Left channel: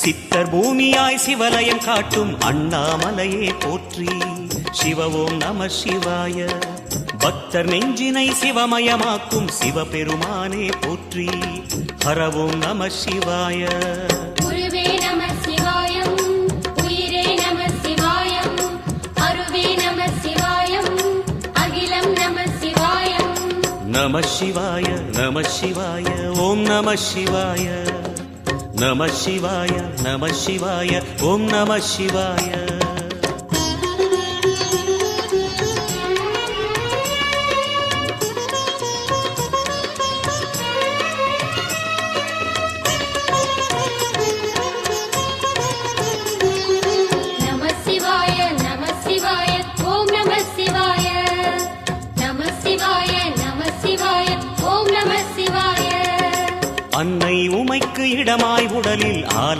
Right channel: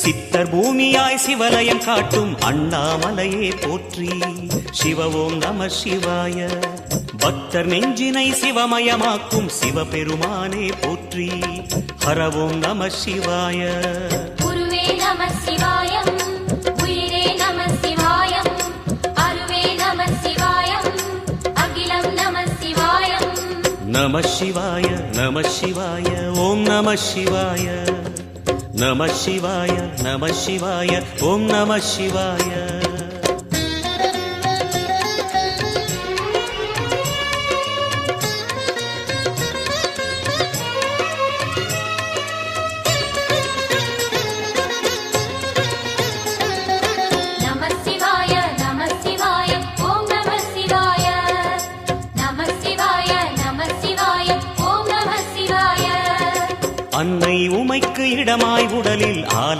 சித்தர் பூமியாய் சிவலயம் காட்டும் அண்ணாமலையே போற்றி. சிவ ஓம் நம சிவாய. பக்தர் நெஞ்சினை சிவமயமாக்கும் சிவபெருமானே போற்றி. ஹர ஓம் நம சிவாய. நம சிவாய நம சிவாய ஓம் நம சிவாய. நம சிவாய நம சிவாய ஓம் நம சிவாய. அன்னை உமைக்கு இடமாய் உடலில் ஆல